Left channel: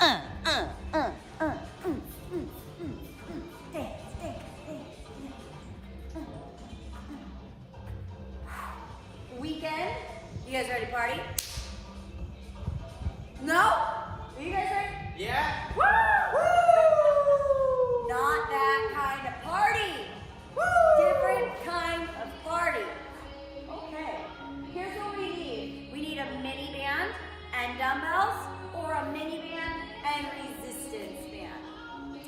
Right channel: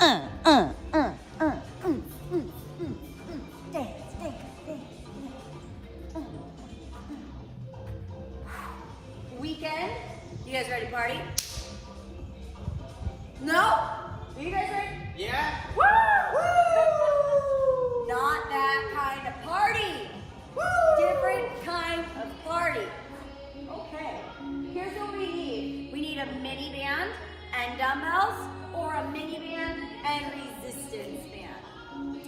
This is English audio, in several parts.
uh, uh, uh, uh, dance, dance, dance. Weekend. You guys ready to party? No? Are you guys ready? Yeah. Woo! Woo! Not that kind of party. Woo! Different kind of party. Okay. Here's what we need. We need a mini band and dumbbells, or a mini band and resistance band.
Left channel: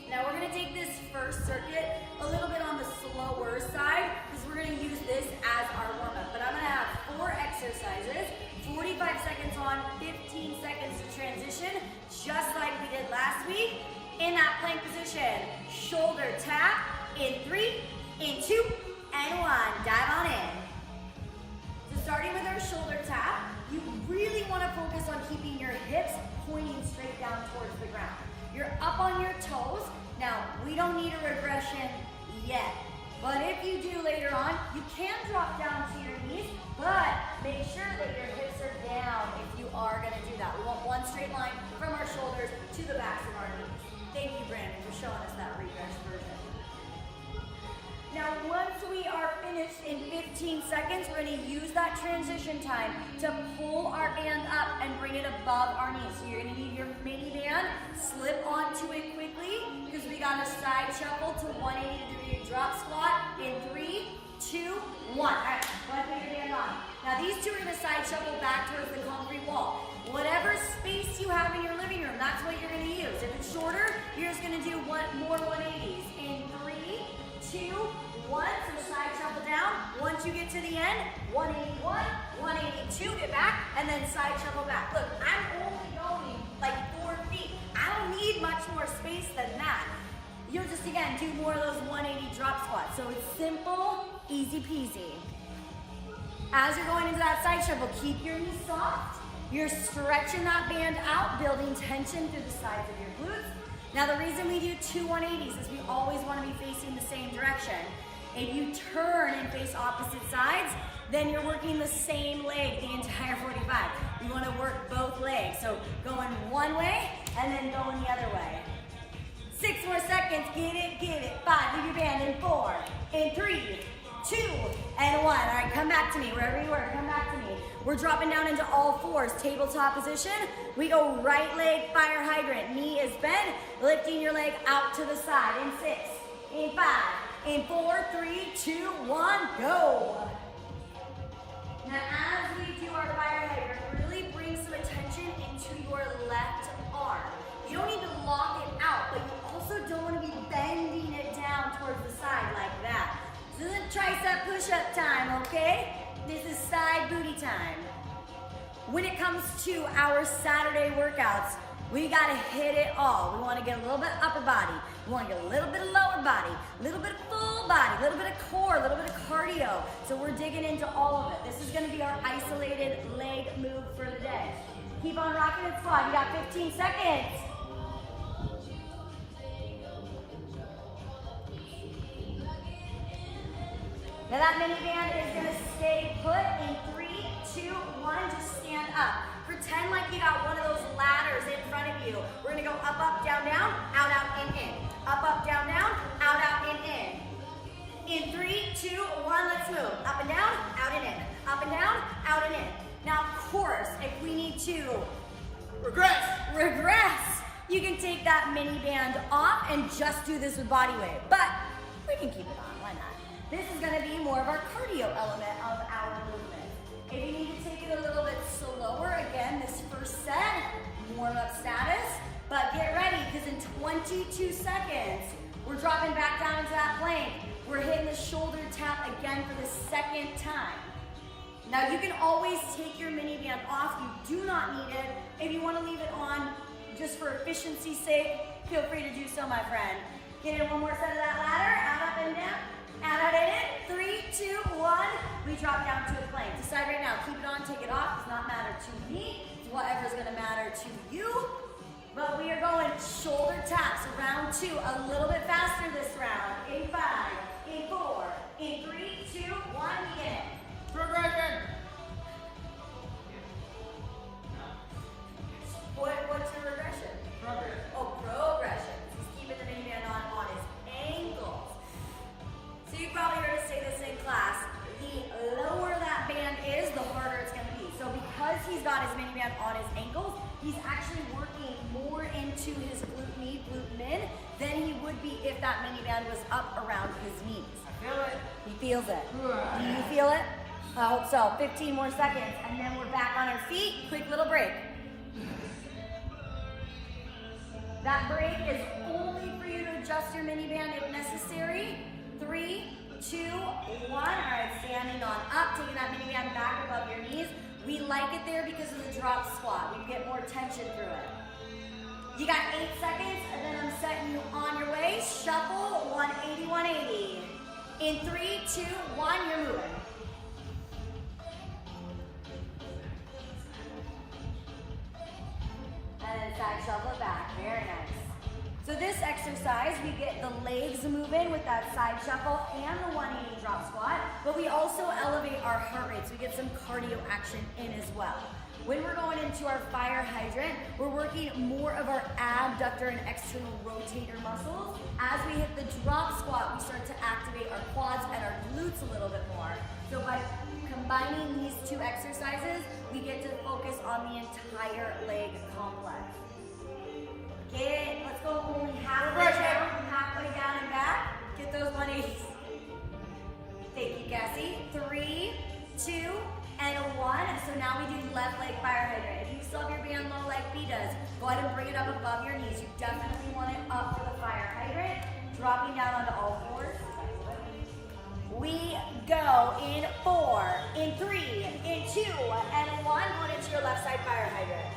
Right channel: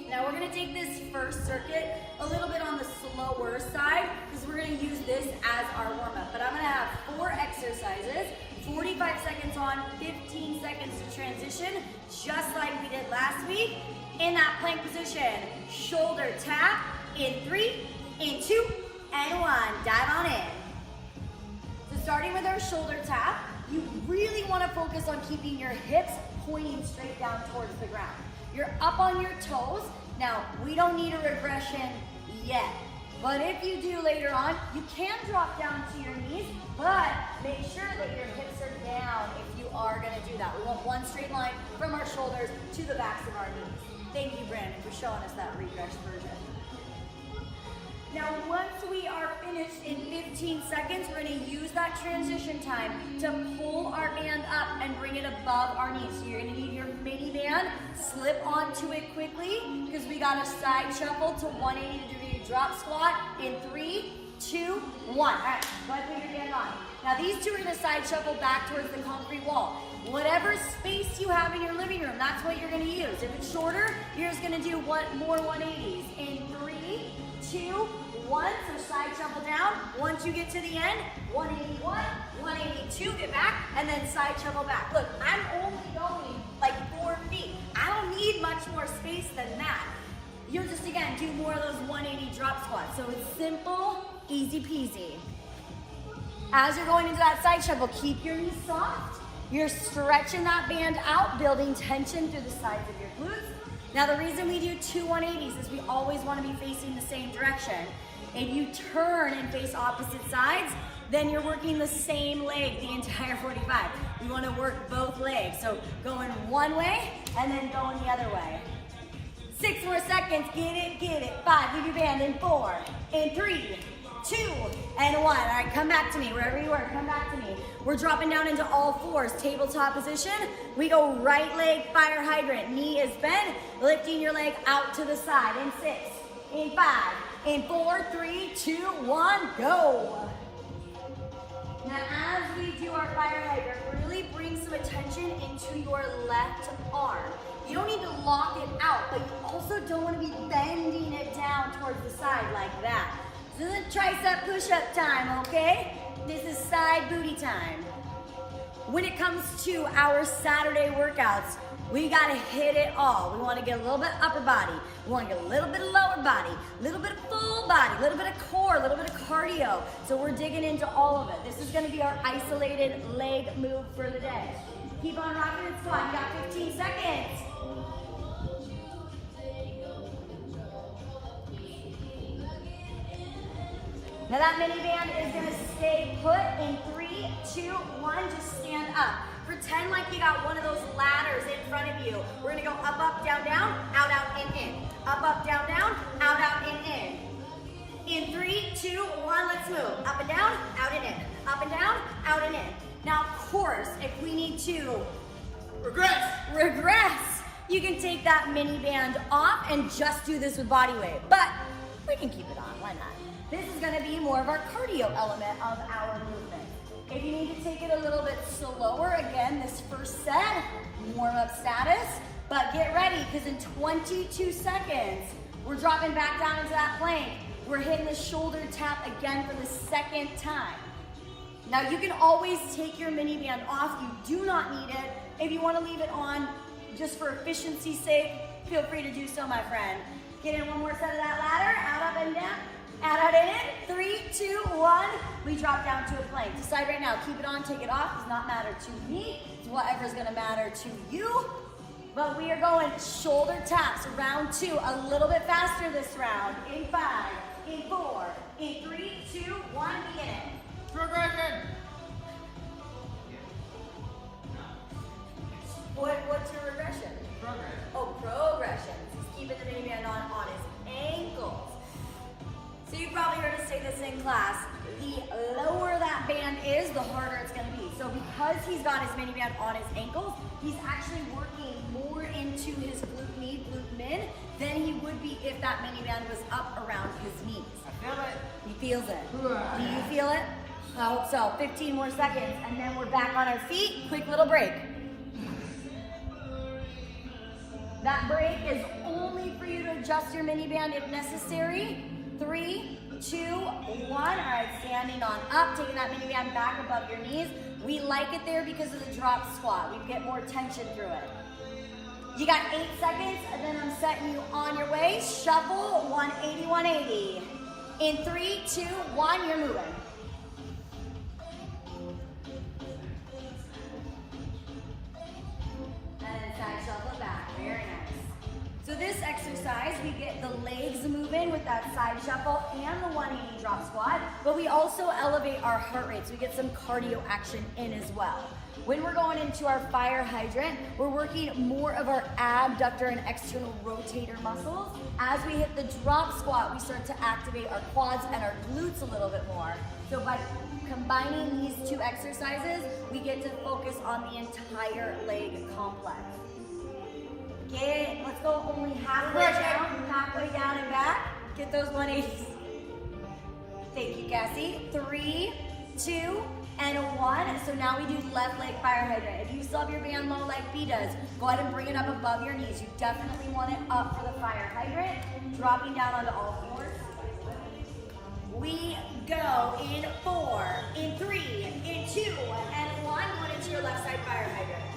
Now we're gonna take this first circuit a little bit on the slower side because we're gonna use this as our warm-up. But I'm gonna have 4 exercises, 45 seconds on, 15 seconds to transition, just like we did last week. In that plank position, shoulder tap, in 3, in 2, and 1. Dive on in. So starting with our shoulder tap, you really wanna focus on keeping your hips pointing straight down towards the ground. You're up on your toes. Now, we don't need a regression yet, but if you do later on, you can drop down to your knees, but make sure that your hips are down if you are gonna do that. We want one straight line from our shoulders to the backs of our knees. Thank you, Brandon, for showing us that regress version. Now, once we are finished in 15 seconds, we're gonna use that transition time to pull our band up and bring it above our knees. So you're gonna need your mini band, slip onto it quickly, because we got a side shuffle to 180-degree drop squat in 3, 2, 1. All right, go ahead and put your band on. Now these two are gonna side shuffle back towards the concrete wall. Whatever space you have in your living room, that's what you're gonna use. If it's shorter, you're just gonna do more 180s. In 3, 2, 1, so side shuffle down. Once you get to the end, 181, 182, get back, and then side shuffle back. Look, I'm only going like 4 feet. I don't need much more space than that. You'll just, again, do more of those 180 drop squats. So it's simple, easy peasy. As you're going into that side shuffle, keep your knees soft. You're stretching that band out, building tension through the sides of your glutes. Now the reason we do 2 180s is we always want to be facing the same direction. If you turn and face opposite sides, then you're working the same leg the entire 45. We want to work both legs. So going one way and then going the other way. 6 more seconds, get it. 5, leave your band in 4, in 3, 2, and 1. All right, come back to me, wherever you were, come back to me. We're dropping down into all 4s, tabletop position. We go right leg, fire hydrant, knee is bent, lifting your leg out to the side, in 6, in 5, in 4, 3, 2, 1, go. Now as we do our fire hydrant, really bring some attention into your left arm. You don't need to lock it out, but you also don't want to be bending it down towards the side like that. This isn't tricep push-up time, okay? This is side booty time. When it comes to our Saturday workouts, we gotta hit it all. We wanna get a little bit of upper body. We wanna get a little bit of lower body, a little bit of full body, a little bit of core, a little bit of cardio. So we're digging into all of it. This is gonna be our isolated leg move for the day. Keep on rocking the squat. You got 15 seconds. Now that mini band is gonna stay put in 3, 2, 1, just stand up. Pretend like you got one of those ladders in front of you. We're gonna go up, up, down, down, out, out, in, in. Up, up, down, down, out, out, in, in. In 3, 2, 1, let's move. Up and down, out and in. Up and down, out and in. Now, of course, if we need to regress, you can take that mini band off and just do this with body weight. But we can keep it on, why not? This is gonna be more of our cardio element of our movement. If you need to take it a little bit slower, again, this first set, warm-up status, but get ready, because in 22 seconds, we're dropping back down into that plank. We're hitting the shoulder tap again for the second time. Now you can always take your mini band off. You do not need it. If you want to leave it on just for efficiency's sake, feel free to do so, my friend. Get in one more set of that ladder, out, up, and down. Out, in, 3, 2, 1. We drop down to a plank. Decide right now, keep it on, take it off. Does not matter to me. It's whatever's gonna matter to you. But we are going shoulder taps, round 2, a little bit faster this round. In 5, in 4, in 3, 2, 1, begin it. Progression. What's your regression? Progress. he's got his mini band on his ankles, he's actually working more into his glute med, glute mid than he would be if that mini band was up around his knees. I feel it. He feels it. You feel it? I hope so. 15 more seconds, and then we're back on our feet. Quick little break. That break is only for you to adjust your mini band if necessary. 3, 2, 1. All right, standing on up, taking that mini band back above your knees. We like it there because of the drop squat. We get more tension through it. You got 8 seconds, and then I'm setting you on your way. Shuffle, 180, 180. In 3, 2, 1, you're moving. And then side shuffle it back. Very nice. So this exercise, we get the legs moving with that side shuffle and the 180 drop squat, but we also elevate our heart rate, so we get some cardio action in as well. When we're going into our fire hydrant, we're working more of our abductor and external rotator muscles. As we hit the drop squat, we start to activate our quads and our glutes a little bit more. So by combining these two exercises, we get to focus on the entire leg complex. Okay, let's go only halfway down and back. Get those 180s. Thank you, Cassie. 3, 2, and 1. So now we do left leg fire hydrant. If you still have your band low like B does, go ahead and bring it up above your knees. You definitely want it up for the fire hydrant. Dropping down onto all fours. We go in 4, in 3, in 2, and 1. Going into your left side fire hydrant.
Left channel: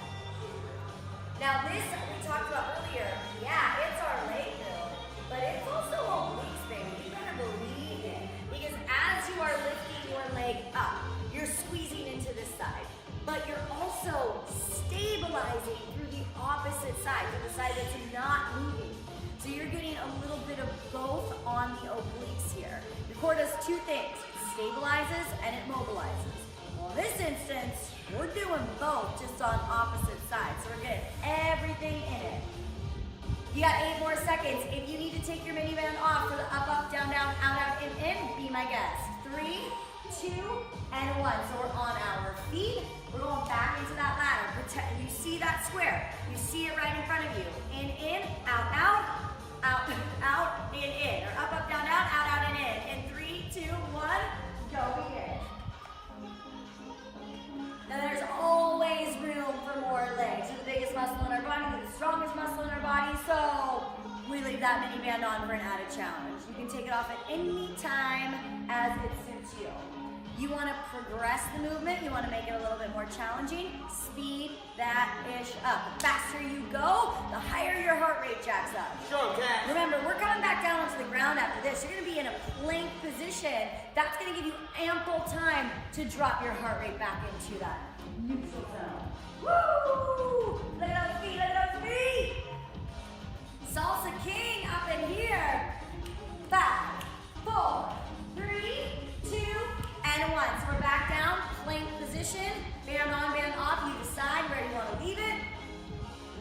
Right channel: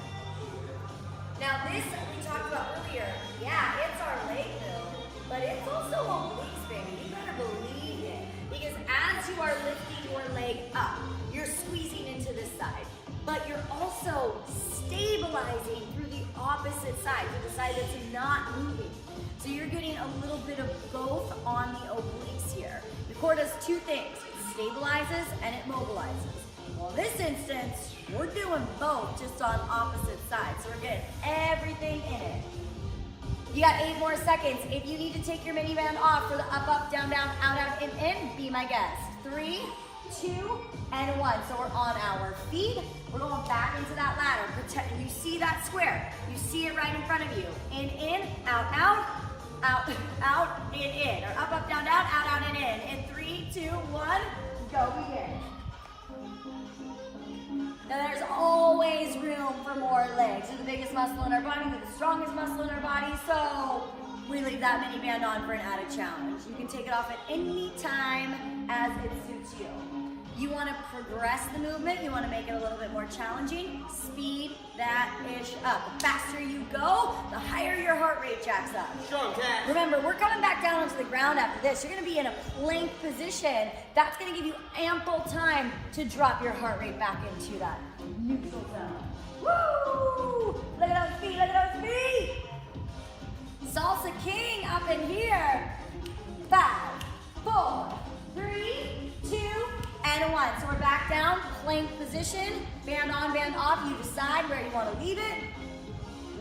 Now this we talked about earlier. Yeah, it's our leg build, but it's also obliques, baby. You better believe it. Because as you are lifting your leg up, you're squeezing into this side, but you're also stabilizing through the opposite side, through the side that's not moving. So you're getting a little bit of both on the obliques here. Your core does two things. It stabilizes and it mobilizes. Well, in this instance, we're doing both just on opposite sides. So we're getting everything in it. You got 8 more seconds. If you need to take your mini band off for the up, up, down, down, out, out, in, be my guest. 3, 2, and 1. So we're on our feet. We're going back into that ladder. You see that square. You see it right in front of you. In, out, out, out, out, in. Or up, up, down, down, out, out, and in. In 3, 2, 1, go begin. Now there's always room for more legs. They're the biggest muscle in our body, they're the strongest muscle in our body, so we leave that mini band on for an added challenge. You can take it off at any time as it suits you. You want to progress the movement, you want to make it a little bit more challenging, speed that ish up. The faster you go, the higher your heart rate jacks up. Strong cat. Remember, we're coming back down onto the ground after this. You're going to be in a plank position. That's going to give you ample time to drop your heart rate back into that neutral zone. Woo! Let it on speed, let it on speed! Salsa King up in here. 5, 4, 3, 2, and 1. So we're back down, plank position, band on, band off. You decide where you want to leave it.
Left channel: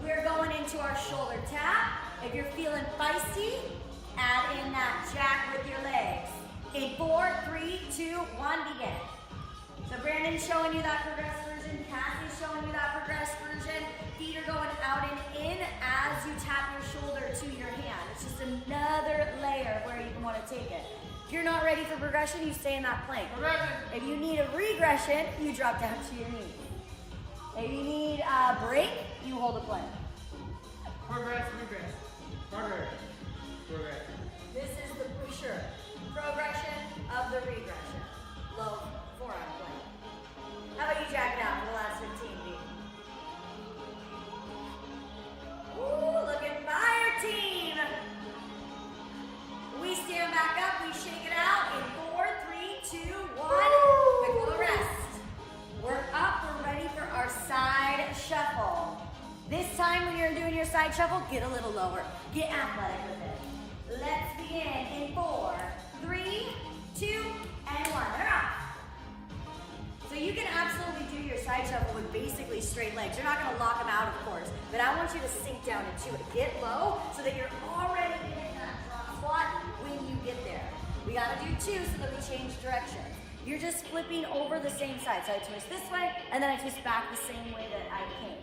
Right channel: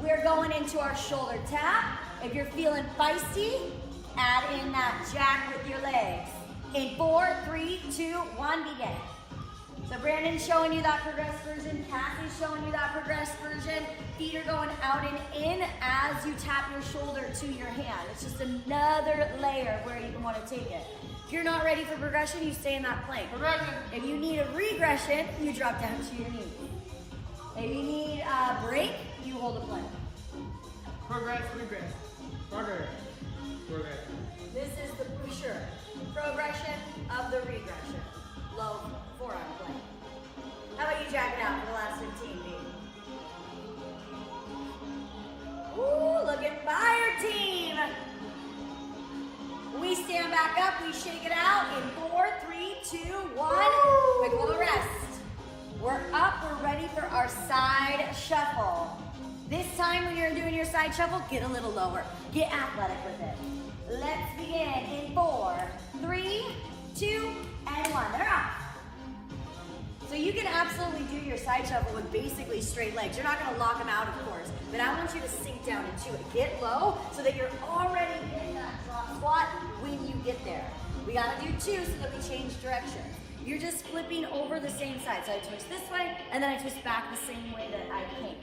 We're going into our shoulder tap. If you're feeling feisty, add in that jack with your legs. In 4, 3, 2, 1, begin. So Brandon's showing you that progressed version. Cassie's showing you that progressed version. Feet are going out and in as you tap your shoulder to your hand. It's just another layer of where you can want to take it. If you're not ready for progression, you stay in that plank. Progression. If you need a regression, you drop down to your knees. If you need a break, you hold a plank. Progress, regress. Progress. Progression. This is the for sure progression of the regression. Low forearm plank. How about you jack it out for the last 15, B? Ooh, look at fire team. We stand back up, we shake it out in 4, 3, 2, 1. Quick little rest. We're up, we're ready for our side shuffle. This time when you're doing your side shuffle, get a little lower. Get athletic with it. Let's begin in 4, 3, 2, and 1. They're off. So you can absolutely do your side shuffle with basically straight legs. You're not going to lock them out, of course, but I want you to sink down into it. Get low so that you're already in that drop squat when you get there. We got to do 2 so that we change direction. You're just flipping over the same side. So I twist this way, and then I twist back the same way that I came.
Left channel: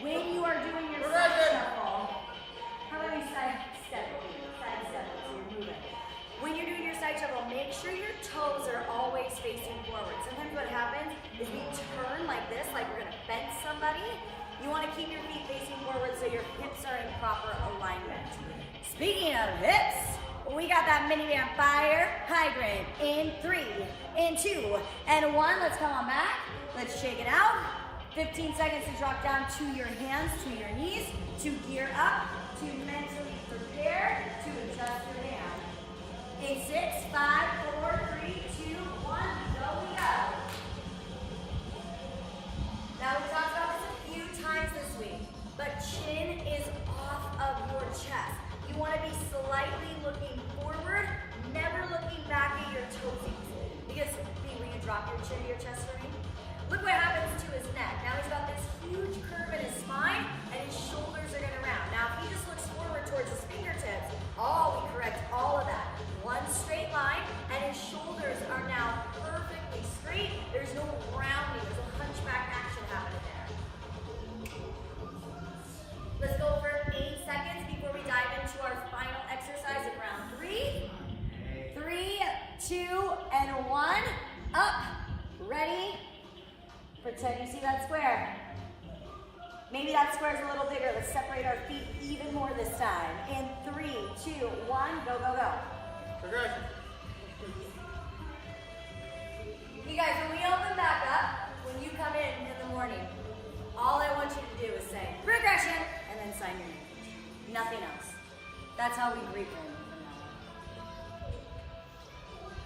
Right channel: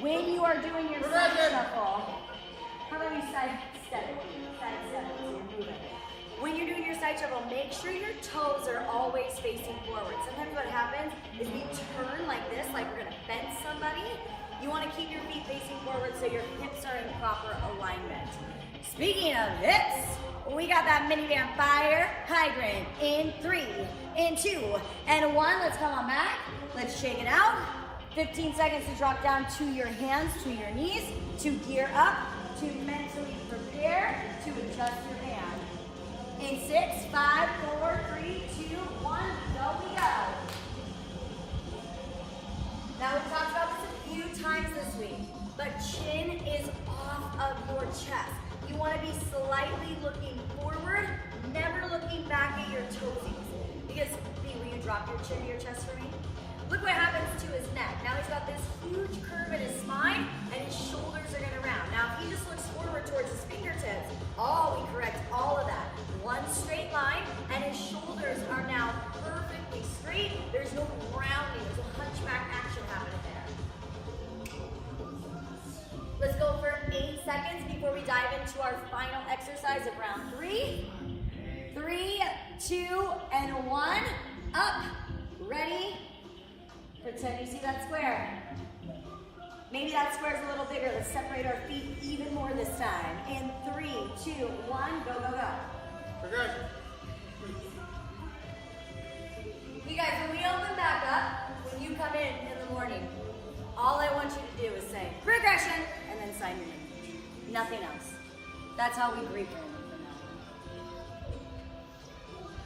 When you are doing your side shuffle, how about we side step it? Side step it, so you're moving. When you're doing your side shuffle, make sure your toes are always facing forward. Sometimes what happens is we turn like this, like we're gonna fence somebody. You wanna keep your feet facing forward so your hips are in proper alignment. Speaking of hips, we got that mini band fire hydrant in 3, in 2, and 1. Let's come on back. Let's shake it out. 15 seconds to drop down to your hands, to your knees, to gear up, to mentally prepare to adjust your hand. In 6, 5, 4, 3, 2, 1, go we go. Now we've talked about this a few times this week, but chin is off of your chest. You want to be slightly looking forward, never looking back at your toesies. Because, B, will you drop your chin to your chest for me? Look what happens to his neck. Now he's got this huge curve in his spine, and his shoulders are gonna round. Now if he just looks forward towards his fingertips, we correct all of that. One straight line, and his shoulders are now perfectly straight. There's no rounding, there's no hunchback action happening there. Let's go for 8 seconds before we dive into our final exercise of round 3. 3, 2, and 1. Up, ready. Pretend you see that square. Maybe that square is a little bigger. Let's separate our feet even more this time. In 3, 2, 1, go, go, go. Progression. You guys, when we open back up, when you come in the morning, all I want you to do is say, progression, and then sign your name. Nothing else. That's how we greet Brandon from now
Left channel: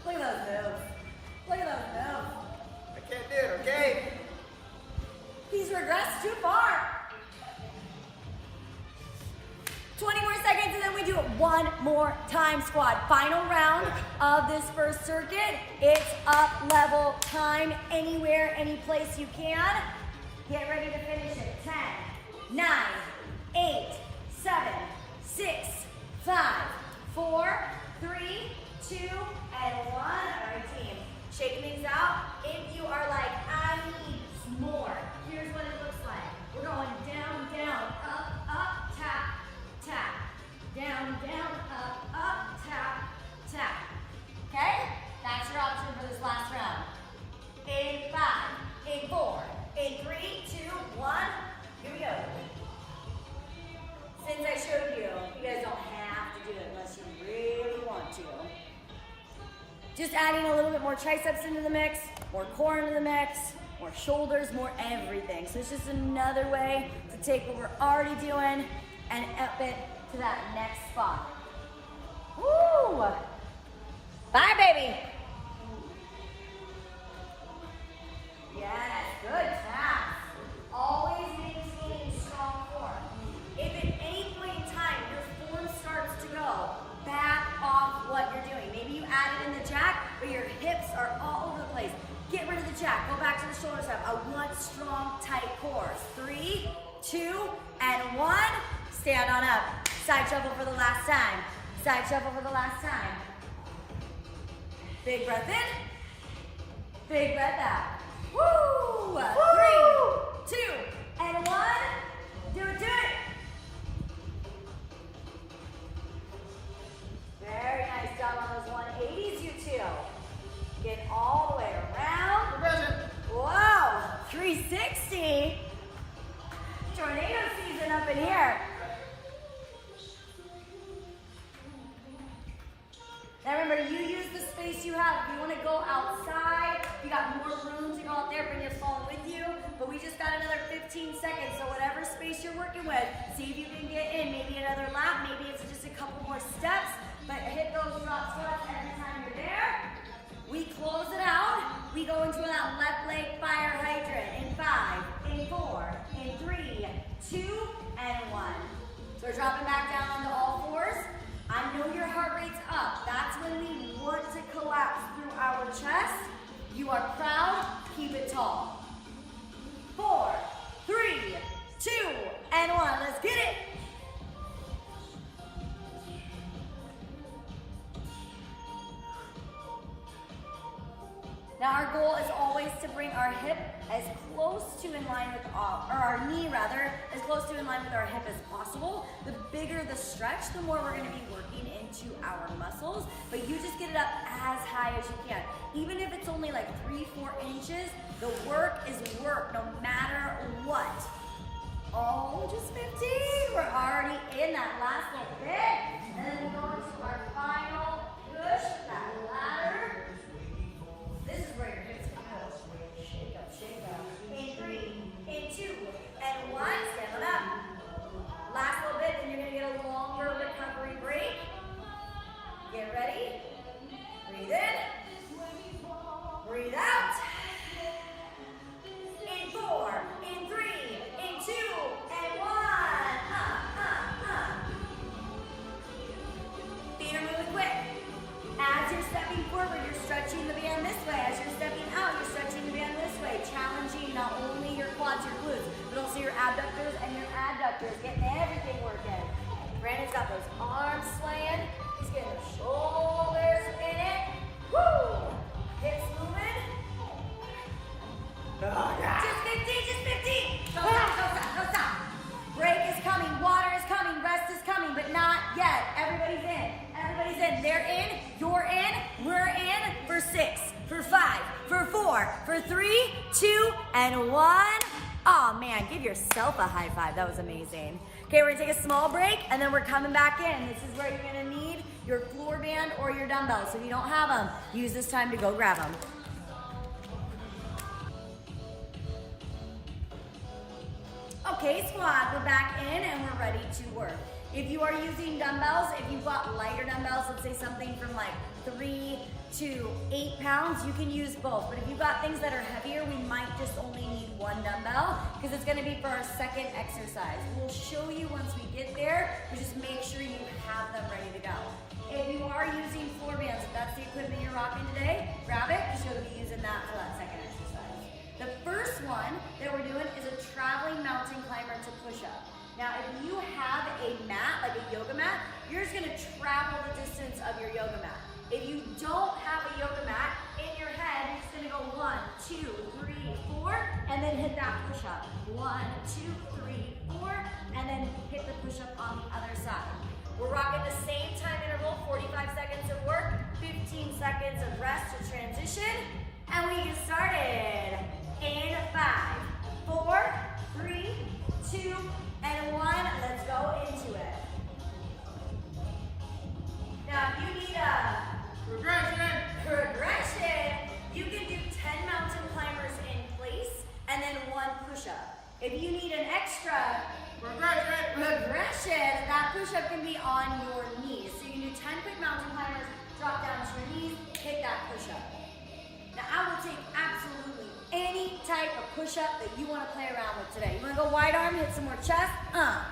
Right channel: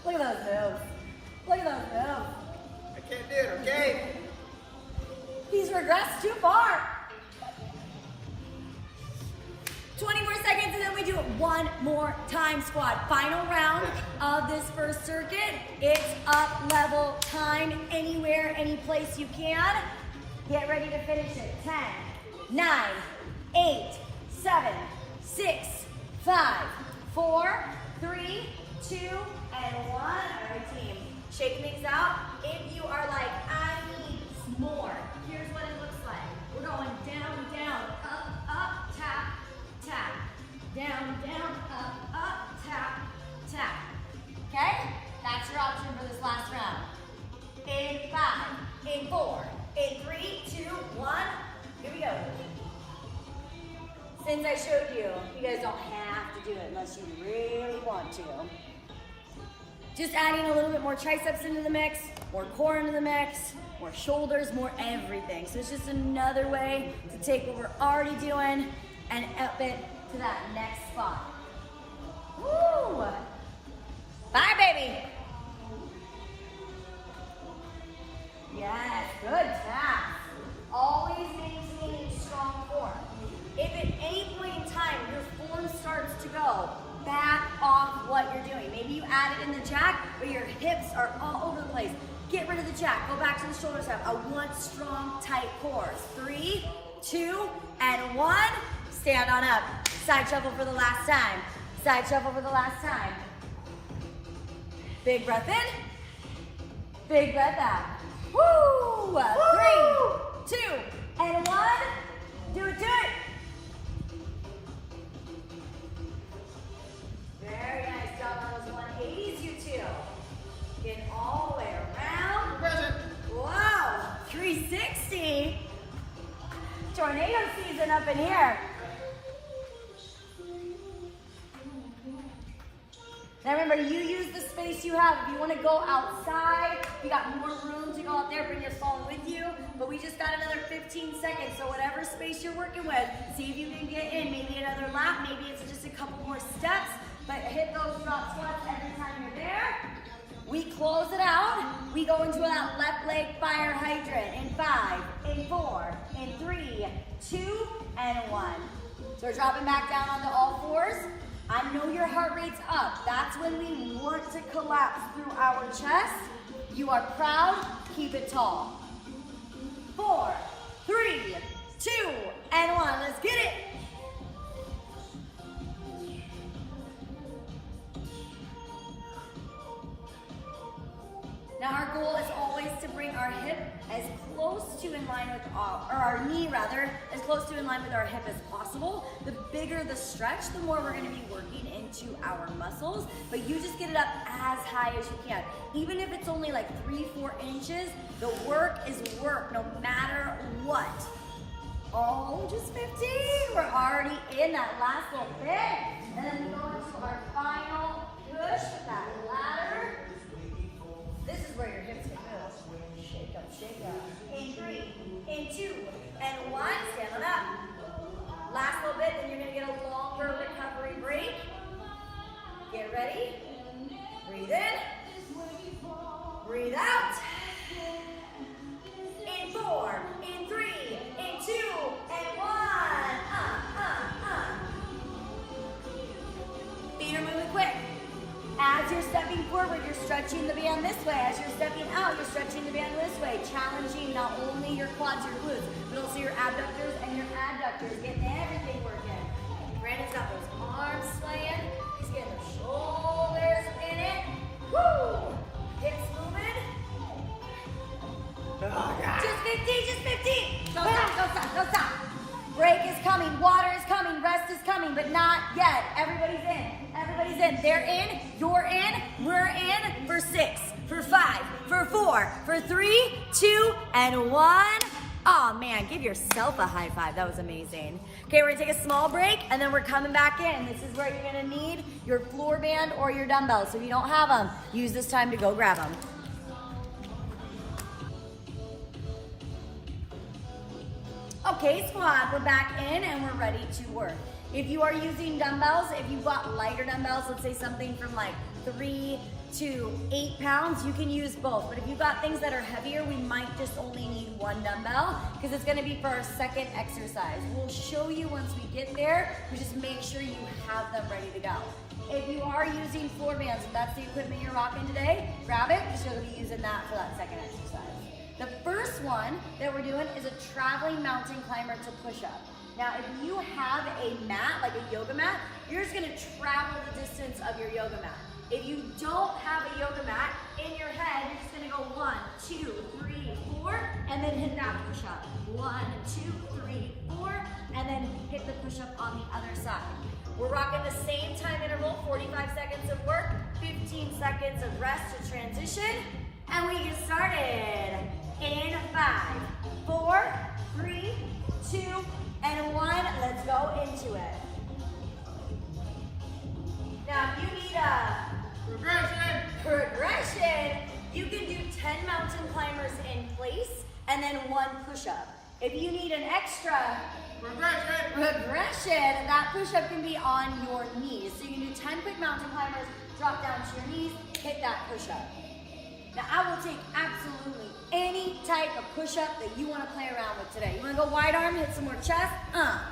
on. Look at those moves. Look at those moves. I can't do it, okay? He's regressed too far. 20 more seconds and then we do it one more time, squad. Final round of this first circuit. It's up level time anywhere, any place you can. Get ready to finish it. 10, 9, 8, 7, 6, 5, 4, 3, 2, and 1. All right, team. Shaking things out. If you are like, I need more, here's what it looks like. We're going down, down, up, up, tap, tap. Down, down, up, tap, tap. Okay? That's your option for this last round. In 5, in 4, in 3, 2, 1. Here we go. Since I showed you, you guys don't have to do it unless you really want to. Just adding a little bit more triceps into the mix, more core into the mix, more shoulders, more everything. So it's just another way to take what we're already doing and up it to that next spot. Woo! Bye, baby! Yes, good class. Always maintaining strong form. If at any point in time your form starts to go, back off what you're doing. Maybe you added in the jack, but your hips are all over the place. Get rid of the jack. Go back to the shoulder step. I want strong, tight cores. 3, 2, and 1. Stand on up. Side shuffle for the last time. Side shuffle for the last time. Big breath in. Big breath out. Woo! 3, 2, and 1. Do it, do it. Very nice job on those 180s, you two. Get all the way around. Progression. Wow, 360. Tornado season up in here. Now remember, you use the space you have. If you want to go outside, you got more room to go out there, bring your phone with you. But we just got another 15 seconds, so whatever space you're working with, see if you can get in. Maybe another lap, maybe it's just a couple more steps. But hit those drop squats every time you're there. We close it out. We go into that left leg fire hydrant in 5, in 4, in 3, 2, and 1. So we're dropping back down onto all fours. I know your heart rate's up. That's when we want to collapse through our chest. You are proud, keep it tall. 4, 3, 2, and 1. Let's get it. Now our goal is always to bring our hip as close to in line with our knee rather, as close to in line with our hip as possible. The bigger the stretch, the more we're gonna be working into our muscles, but you just get it up as high as you can. Even if it's only like 3-4 inches, the work is work no matter what. Oh, just 15. We're already in that last little bit. And then we go into our final push with that ladder. This is where your hips can move. Shake up, shake up. In 3, in 2, and 1. Stand on up. Last little bit, then you're gonna get a longer recovery break. Get ready. Breathe in. Breathe out. In 4, in 3, in 2, and 1. Feet are moving quick. As you're stepping forward, you're stretching the band this way. As you're stepping out, you're stretching the band this way. Challenging not only your quads, your glutes, but also your abductors and your adductors. Getting everything working. Brandon's got those arms slaying. He's getting the shoulders in it. Woo! Hips moving. Oh, God. Just 15, just 15. Go stop, go stop, go stop. Break is coming, water is coming, rest is coming, but not yet. Everybody's in, everybody's in. They're in, you're in, we're in for 6, for 5, for 4, for 3, 2, and 1. Oh man, give yourself a high five. That was amazing. Okay, we're gonna take a small break and then we're coming back in. This is where you're gonna need your floor band or your dumbbells. So if you don't have them, use this time to go grab them. Okay, squad, we're back in and we're ready to work. If you are using dumbbells, if you've got lighter dumbbells, let's say something from like 3 to 8 pounds, you can use both. But if you've got things that are heavier, we might just only need 1 dumbbell because it's gonna be for our second exercise. We'll show you once we get there, but just make sure you have them ready to go. If you are using floor bands, if that's the equipment you're rocking today, grab it because you're gonna be using that for that second exercise. The first one that we're doing is a traveling mountain climber to push up. Now, if you have a mat, like a yoga mat, you're just gonna travel the distance of your yoga mat. If you don't have a yoga mat, in your head, you're just gonna go 1, 2, 3, 4, and then hit that push up. 1, 2, 3, 4, and then hit the push up on the other side. We're rocking the same time interval, 45 seconds of work, 15 seconds of rest to transition, and we get started. In 5, 4, 3, 2, and 1. Let's go into it. Now, if you need a progression, you can do 10 mountain climbers in place and then 1 push-up. If you need an extra progression, that push-up can be on your knees. So you can do 10 quick mountain climbers, drop down to your knees, hit that push-up. Now, I will take absolutely any type of push-up that you want to play around with today. You want to go wide arm, hit some more chest?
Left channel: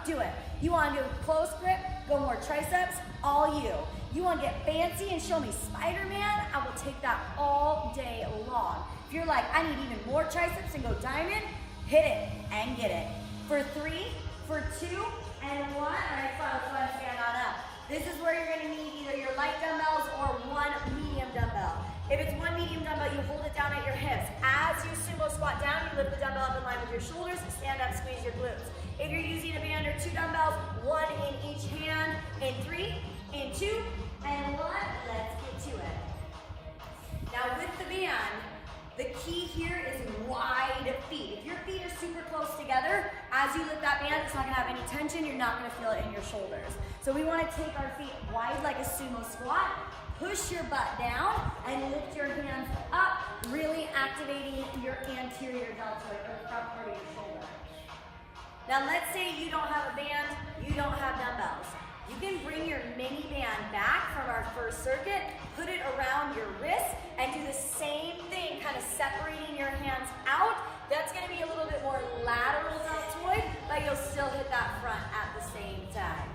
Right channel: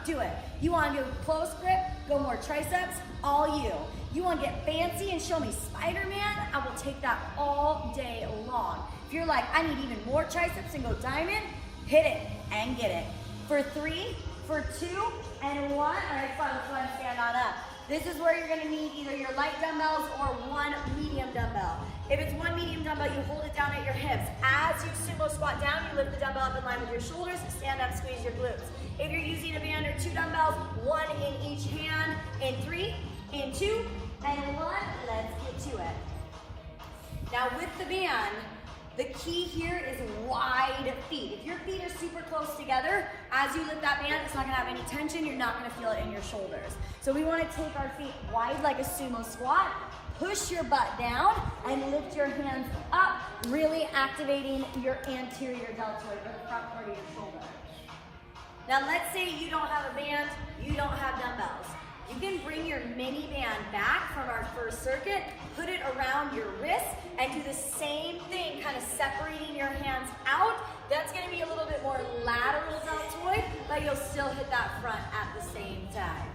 Do it. You want to do close grip, go more triceps? All you. You want to get fancy and show me Spider-Man? I will take that all day long. If you're like, I need even more triceps and go diamond, hit it and get it. For 3, for 2, and 1. All right, fine, let's go ahead and stand on up. This is where you're going to need either your light dumbbells or 1 medium dumbbell. If it's 1 medium dumbbell, you hold it down at your hips. As you sumo squat down, you lift the dumbbell up in line with your shoulders, stand up, squeeze your glutes. If you're using a band or 2 dumbbells, 1 in each hand, in 3, in 2, and 1, let's get to it. Now with the band, the key here is wide feet. If your feet are super close together, as you lift that band, it's not gonna have any tension, you're not gonna feel it in your shoulders. So we wanna take our feet wide like a sumo squat, push your butt down, and lift your hands up, really activating your anterior deltoid, or the front part of your shoulder. Now let's say you don't have a band, you don't have dumbbells. You can bring your mini band back from our first circuit, put it around your wrist, and do the same thing, kind of separating your hands out. That's gonna be a little bit more lateral deltoid, but you'll still hit that front at the same time.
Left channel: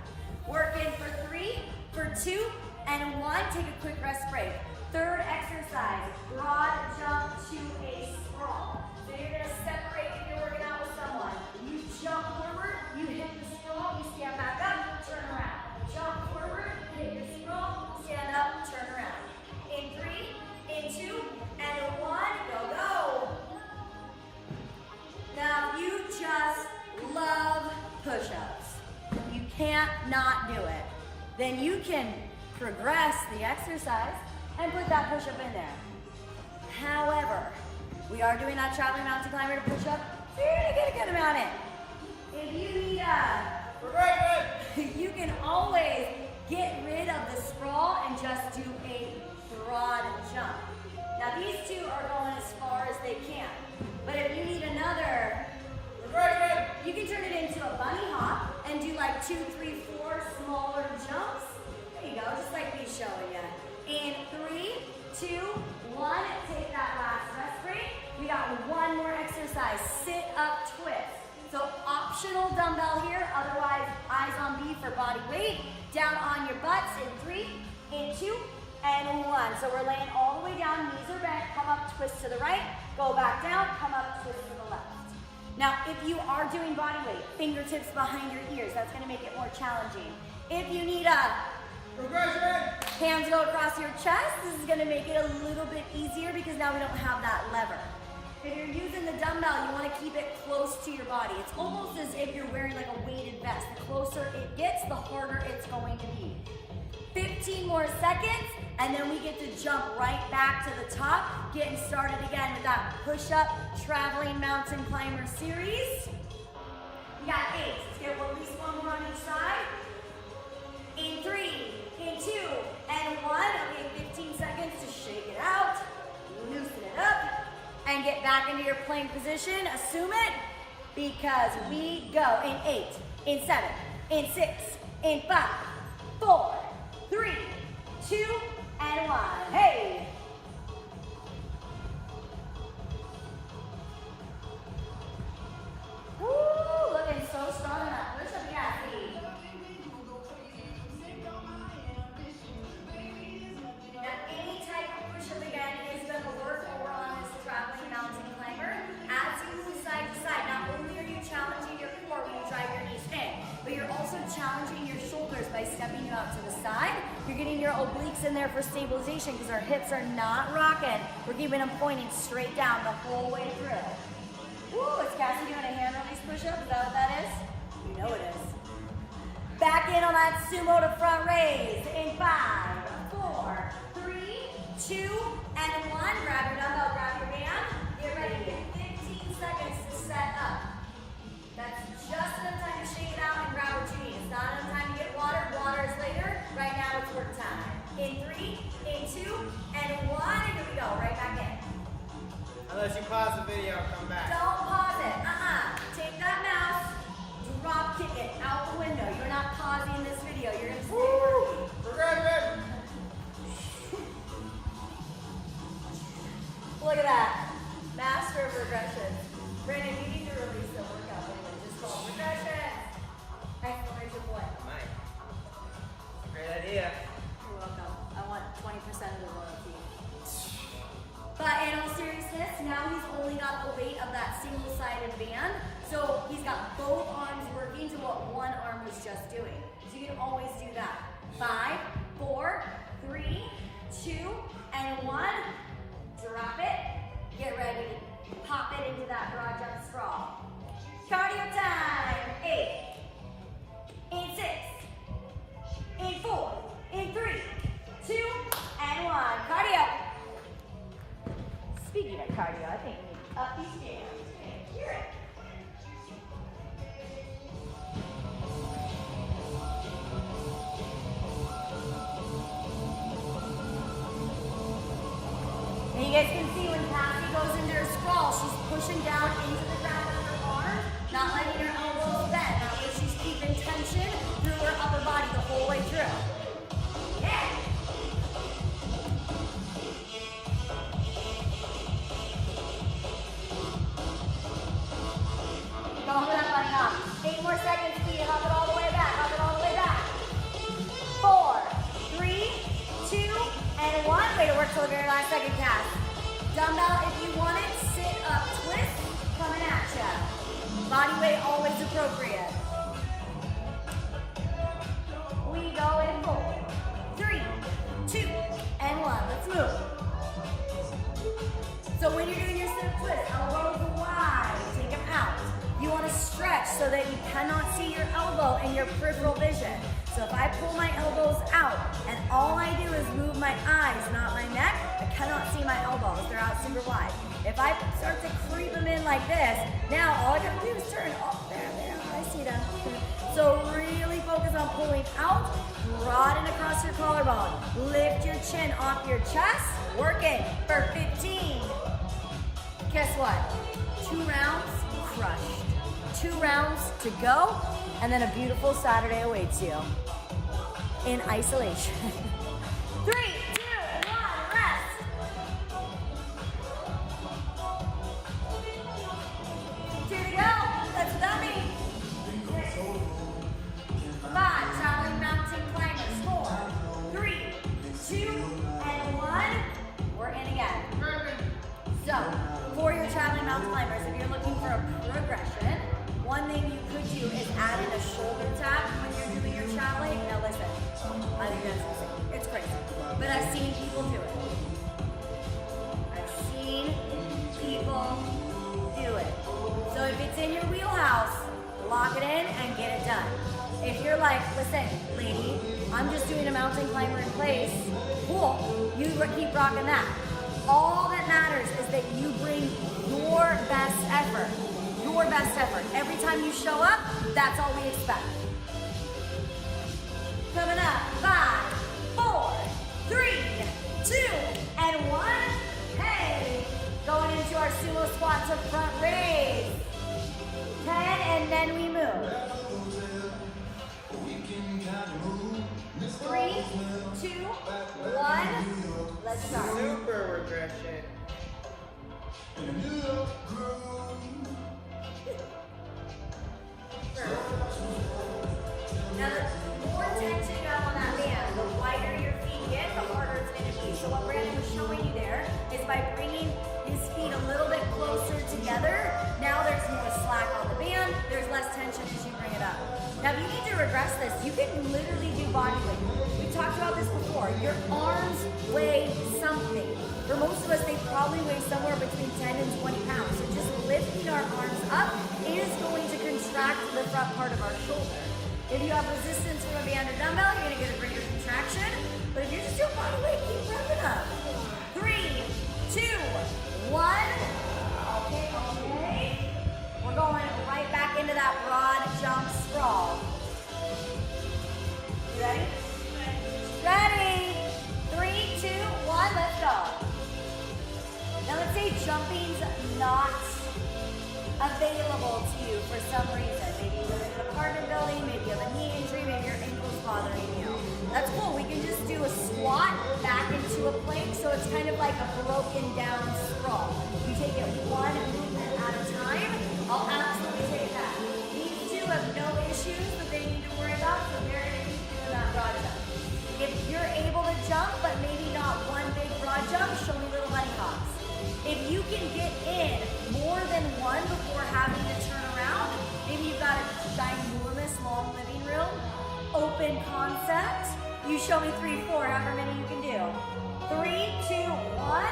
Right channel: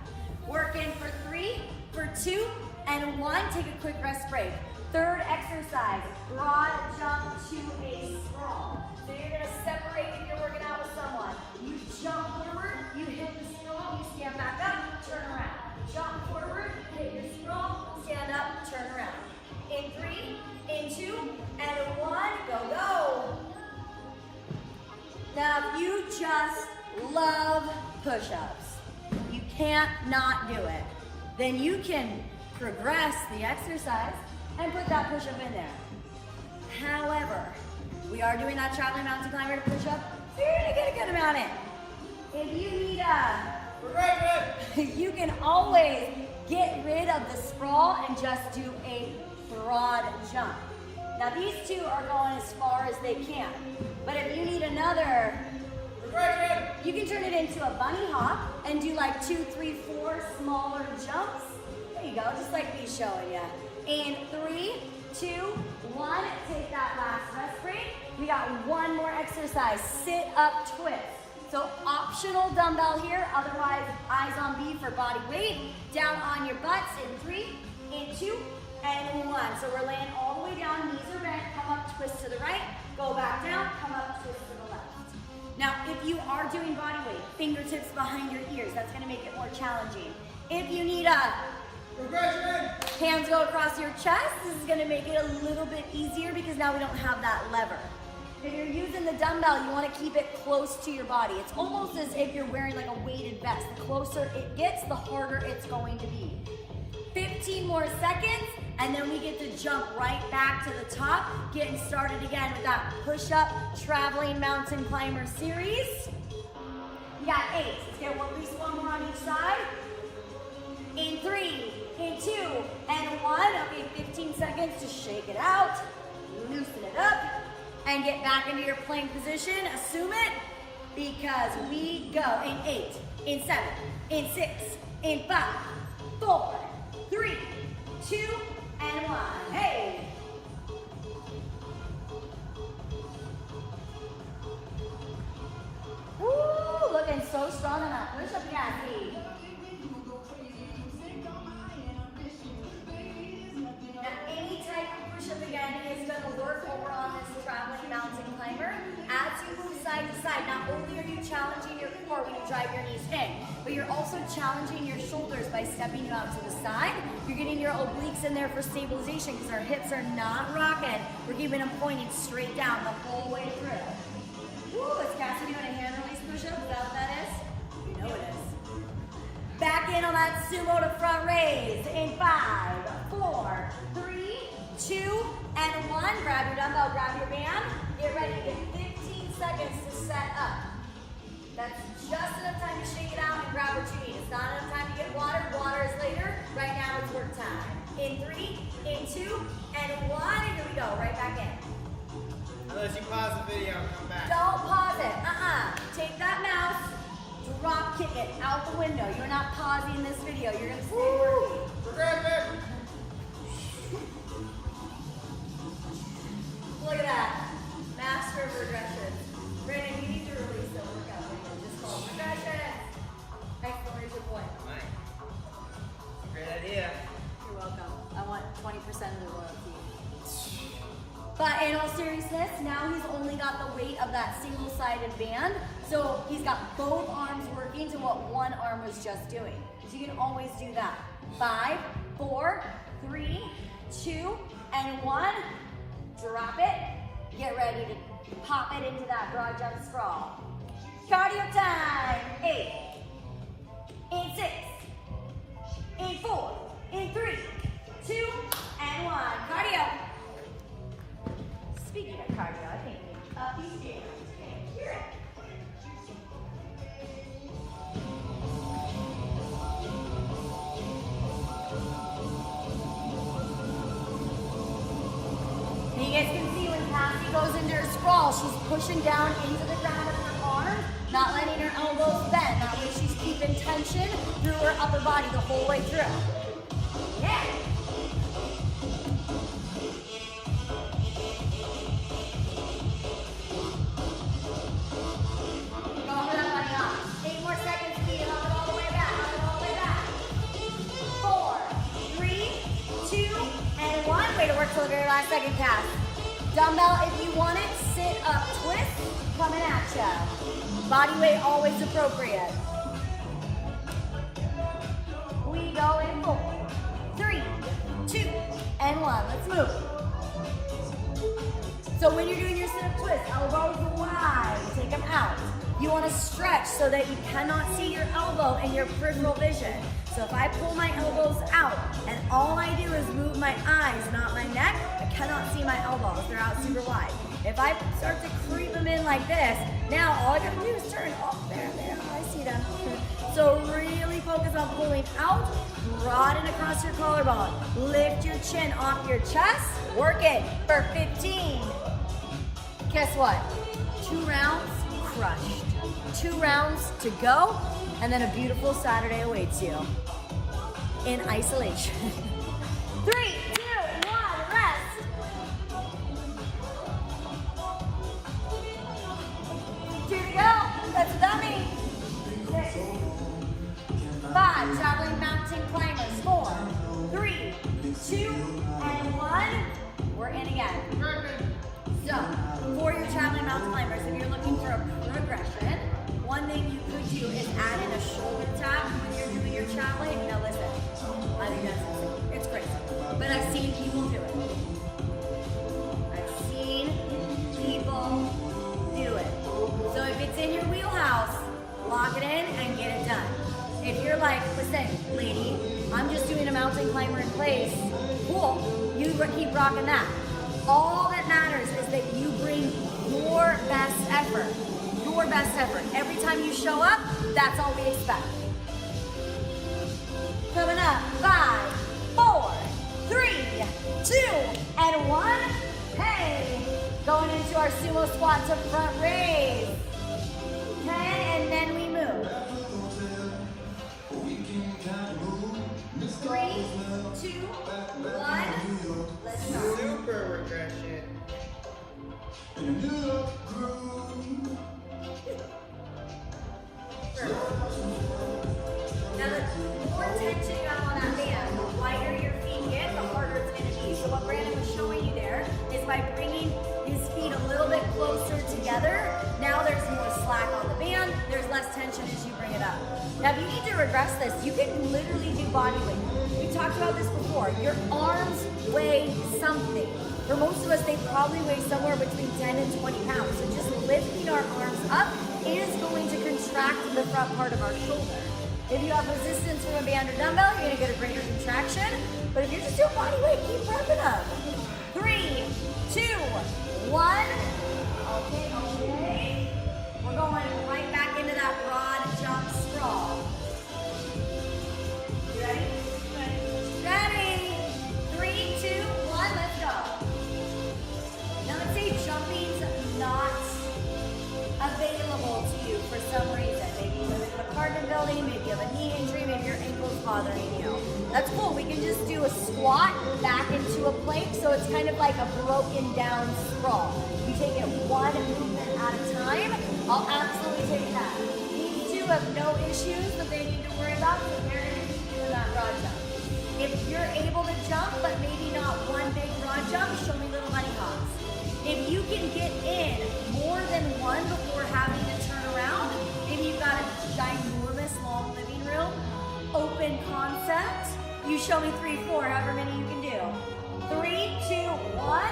Work in for 3, for 2, and 1, take a quick rest break. Third exercise, broad jump to a sprawl. So you're gonna separate if you're working out with someone. You jump forward, you hit the sprawl, you stand back up, turn around. Jump forward, hit your sprawl, stand up, turn around. In 3, in 2, and 1, push-ups. You can't not do it. Then you can progress the exercise and put that push-up in there. However, we are doing that traveling mountain climber to push-up, so you're gonna get a good amount in. If you need you can always get rid of the sprawl and just do a broad jump. Now these two are going as far as they can, but if you need another, you can turn it into a bunny hop and do like 2, 3, 4 smaller jumps. There you go, just like he's showing you. In 3, 2, 1, take that last rest break. We got one more exercise, sit up twist. So optional dumbbell here, otherwise eyes on B for body weight. Down on your butts in 3, in 2, and 1. So we're laying all the way down, knees are bent, come up, twist to the right, go back down, come up, twist to the left. Now, if you are doing body weight, fingertips behind your ears, that's gonna make it more challenging. If you need hands go across your chest, this is gonna make it a little bit easier because now we don't have that lever. If you're using the dumbbell, you wanna keep it close to your body. It's almost as if you're wearing like a weighted vest. The closer it gets, the harder it's going to be. 15 more seconds, and then we get to jump right back to the top, getting started again with that push-up traveling mountain climber series. We got 8. Let's get at least one more on each side. In 3, in 2, and 1. Okay, 15 seconds to shake it out, loosen it up, and get back into your plank position. Assume it, because we go in 8, in 7, in 6, in 5, 4, 3, 2, and 1. Hey! Woo! Looking so strong on that push-up, Cassie. Now, any type of push-up again is going to work over on this traveling mountain climber. As you move side to side, not only are you challenging your core when you drive your knees in, but you're also challenging your shoulders by stepping you out to the side. You're getting your obliques in there for stabilization because our hips are not rocking. We're keeping them pointing straight down the whole way through. Woo, is Cassie doing a hand release push-up? Is that what that is? You know it is. Back in on that sumo to front raise in 5, 4, 3, 2, and 1. Grab your dumbbell, grab your band. Get ready. Get 15 seconds to set up. That's just enough time to shake it out and grab what you need. It's not enough time to get water. Water is later. Right now it's work time. In 3, in 2, and 1. And here we go. Right back in. Unless you pause the video and come back. Don't pause it. Take that mouse, drop kick it out the window. You're not pausing this video. You're going to stay working. Progression. Look at that. Master of regression. Brandon, you need to release a workout video just called regression. Exclamation point. I might. Great idea. You're welcome. I want 20% of the royalty. But in all seriousness, now he's only got the weight of that single-sided band. So he's got both arms working to what one arm was just doing. So you can always do that. 5, 4, 3, 2, and 1. Drop it. Get ready to pop it into that broad jump sprawl. Cardio time. 8, in 6, in 4, in 3, 2, and 1. Cardio. Speaking of cardio, I think these jams, hear it. And you guys can see when Cassie goes into her sprawl, she's pushing down into the ground with her arms, not letting her elbows bend. That way she's keeping tension through her upper body the whole way through. Yeah. Don't let it up. 8 more seconds, speed it up it all the way back, up it all the way back. 4, 3, 2, and 1. Way to work till the very last second, Cass. Dumbbell, if you want it, sit up, twist, coming at ya. Body weight always appropriate. We go in 4, 3, 2, and 1. Let's move. So when you're doing your sit up twist, elbows wide, take them out. You want to stretch so that you cannot see your elbow in your peripheral vision. So if I pull my elbows out and all I do is move my eyes, not my neck, I cannot see my elbows. They're out super wide. If I start to creep them in like this, now all I gotta do is turn. Oh, there, I see them. So really focus on pulling out, broaden across your collarbone. Lift your chin off your chest, work it for 15. Guess what? 2 rounds, crushed. 2 rounds to go, and then a beautiful Saturday awaits you in isolation. 3, 2, 1, rest. Keep going, let's dummy. 6, 5, traveling mountain climbers. 4, 3, 2, and 1. We're in again. So, for your traveling mountain climbers, if you're looking for a progression, one thing you could do is add in a shoulder tap when you're doing your traveling. Now listen, I think that's insane. It's crazy. But I've seen people do it. I've seen people do it. So if it's in your wheelhouse, lock it in and get it done. If you're like, listen, lady, I'm just doing a mountain climber in place, cool, you keep rocking that. All that matters is that you bring your best effort. Your best effort. Every time you show up, that's all we expect. Coming up, 5, 4, 3, 2, and 1. Hey, going into our sumo squat to front raise. 10, and then we move. 3, 2, 1. Let's start. Super regression. Now the more tension you have on that band, the wider your feet get, the harder it's going to be. So what Brandon was showing you there is by bringing his feet a little bit closer together, now there's more slack on the band, there's less tension as you bring it up. Now if you need to regress this, you can literally do body weight. We talked about this before. Your arms weigh something. For most of us, they probably weigh somewhere between 10 and 20 pounds. So just lifting our arms up is going to contract the front part of our shoulder. If you have resistance from a band or dumbbell, you're gonna get a greater contraction. But if you're just doing body weight, keep prepping up. 3, 2, 1. Okay. We're going right back into that broad jump sprawl. You ready? Ready. 3, 2, 1, let's go. Now let's say jumping's not available to you for some reason. Maybe you live in an apartment building, maybe you have a knee injury, maybe your ankle's bothering you. That's cool. We can just do a squat back into a plank, so it's kind of like a broken down sprawl. You take it one movement at a time. I'll absolutely take that. These two have no issues that they need to worry about, so they're going to keep doing that broad jump. If you're able to jump, but maybe not one big broad jump, show me little bunny hops. If you can get in more than one before having to turn around, maybe you've got a ginormous long living room, open concept, you show me 3, 4, however many you can do. 3, 2, 1.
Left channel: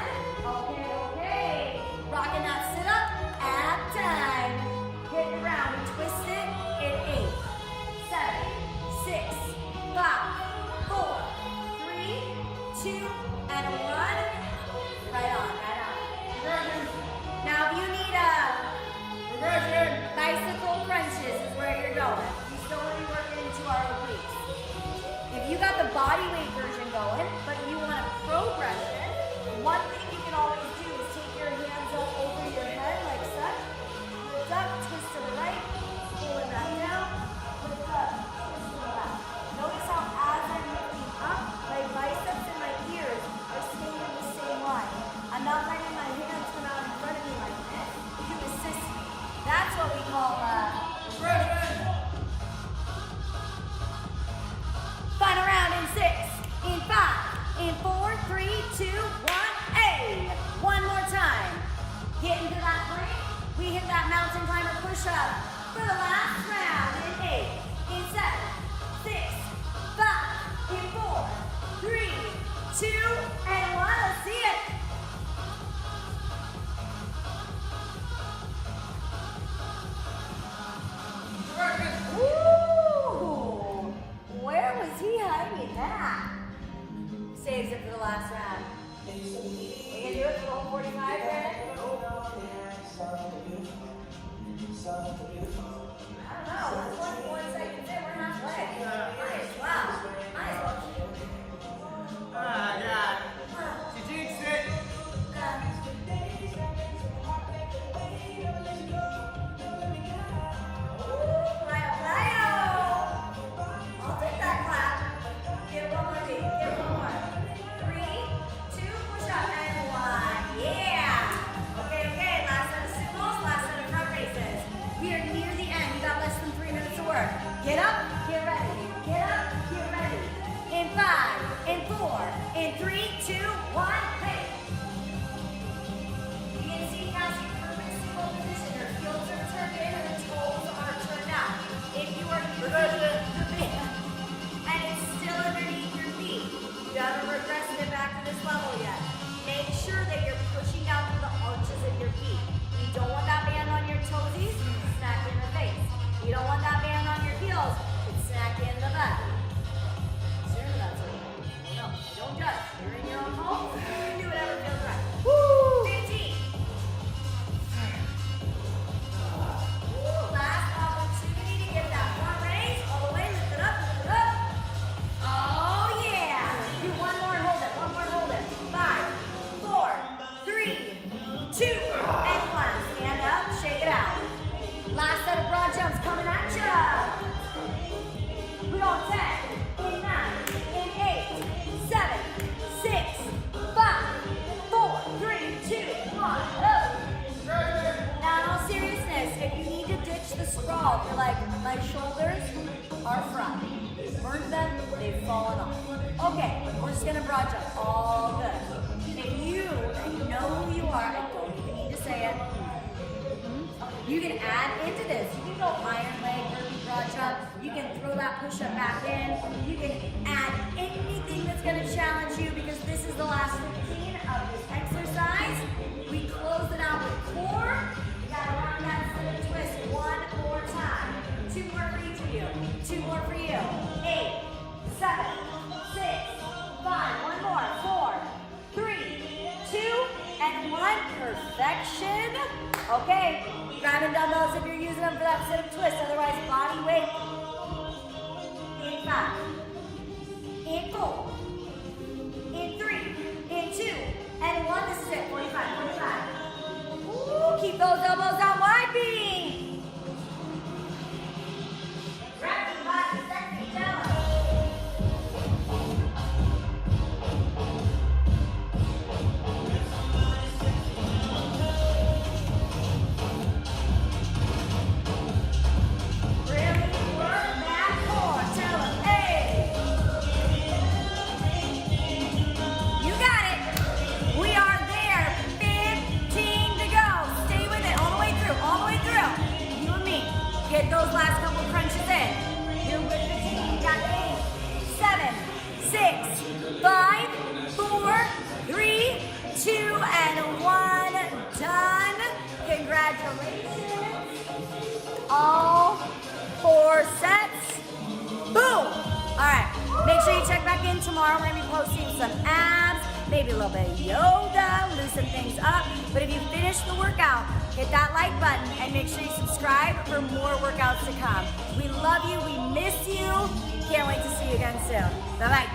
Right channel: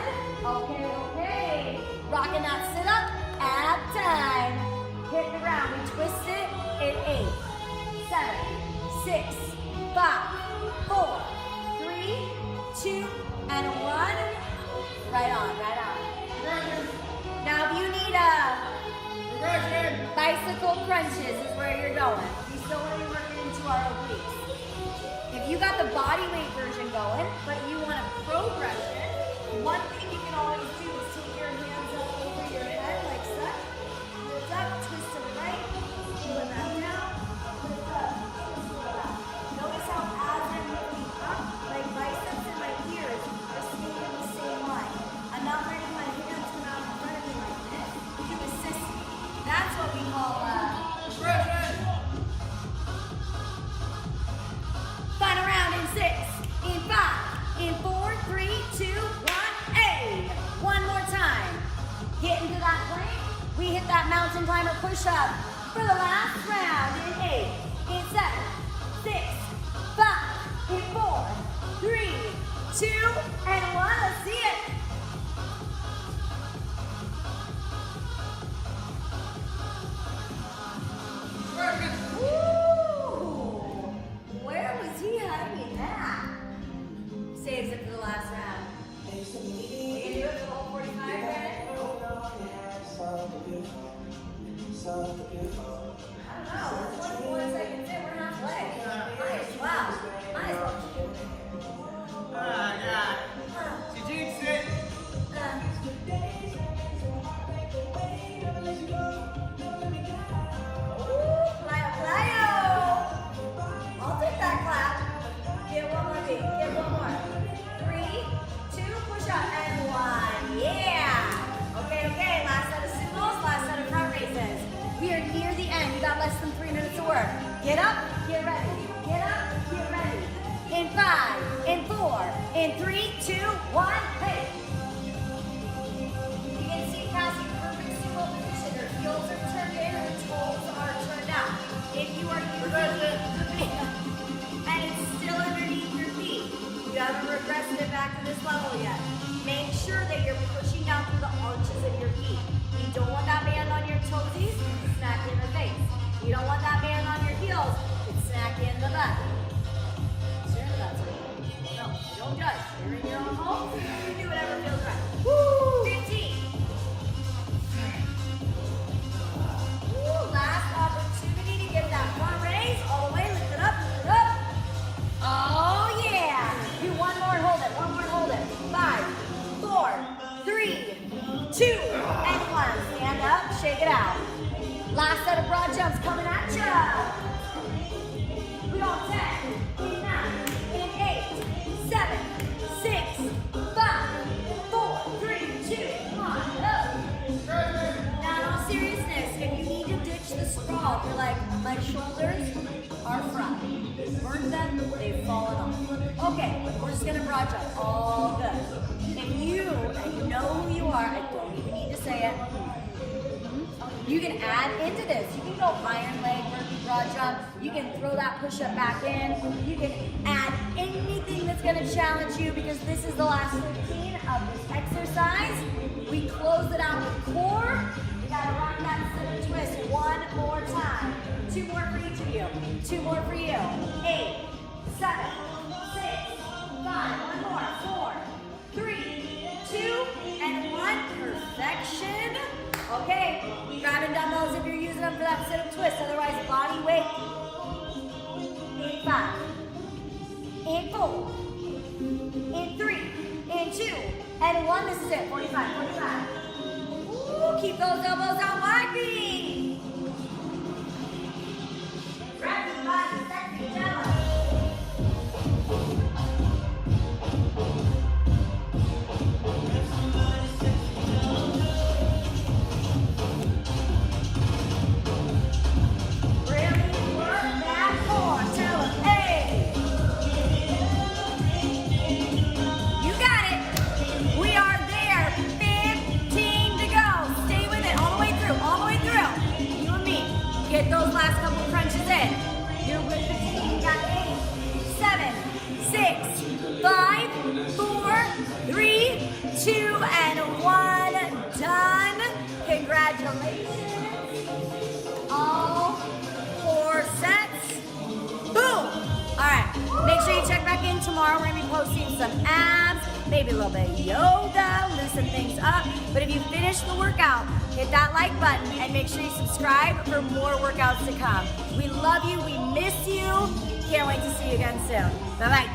Okay. Rocking that sit up at time. Hit the ground. We twist it in 8, 7, 6, 5, 4, 3, 2, and 1. Right on. Now if you need a bicycle crunches is where you're going. We still want to be working into our obliques. If you got the body weight version going, but you want a progression, one thing you can always do is take your hands up over your head like such. Lift up, twist to the right, pull it back down, lift up, twist to the left. Notice how as I'm lifting up, my biceps and my ears are staying in the same line. I'm not letting my hands come out in front of me like this. You assist me. That's what we call progression. Final round in 6, in 5, in 4, 3, 2, 1, hey! One more time. Get into that plank. We hit that mountain climber push-up for the last round in 8, in 7, 6, 5, in 4, 3, 2, and 1. Let's see it. up, get ready. Get up, get ready. In 5, in 4, in 3, 2, 1, hey. You can see Cassie perfect single position. Her heels are turned in, her toes are turned out. If you are using the band and it's still underneath your feet, you haven't regressed it back to this level yet. Make sure that you're pushing down through the arches of your feet. You don't want that band on your toesies, smack you in the face. You don't want that band on your heels, it's smack you in the butt. You're into that sort of thing. I don't know. I don't judge. You're in your own home. You do whatever feels right. Woo! 15. Woo! Last opportunity to get that front raise. All the way. Lift it up. Lift it up. Oh, yeah. Do one more and hold it. One more and hold it. 5, 4, 3, 2, and 1. Stand up. Shake it out. Last set of broad jumps coming at ya. We go 10, in 9, in 8, 7, 6, 5, 4, 3, 2, 1, up. Now in all seriousness, if you need to ditch the sprawl, if you're like, my shoulders are front. Burnt them, they've fallen off. Okay, we're just gonna broad jump, all good. If you, and you know who you are, I don't even need to say it, you can add into this. You can go iron leg, burpee, broad jump. You can throw that push-up back in. You can add anything that's gonna challenge you because this is the last 15 of this exercise. We close it out with core. You gotta run that sit-up twist one more time. 2 more for each of you. 2 more for you. 8, 7, 6, 5. One more. 4, 3, 2, and 1. Perfection. Okay. Grabbing dumbbells if you're using them for that sit-up twist. Otherwise, body weight. In 5. In 4. In 3. In 2. And 1. This is it. 45. 45. Ooh, keep those elbows on wide feet. Grab your body, sexy jello. Get those last couple crunches in. You're with the team. You got 8, 7, 6, 5, 4, 3, 2, and 1. Done. Congratulations. All 4 sets. Boom. All right. Make sure you check back in tomorrow. We're going to be posting some abs, maybe a little bit of yoga, loosen things up. But if you finish the workout, hit that like button and make sure you subscribe for more workouts to come. We love you. We miss you. Can't wait to see you again soon. Bye-bye.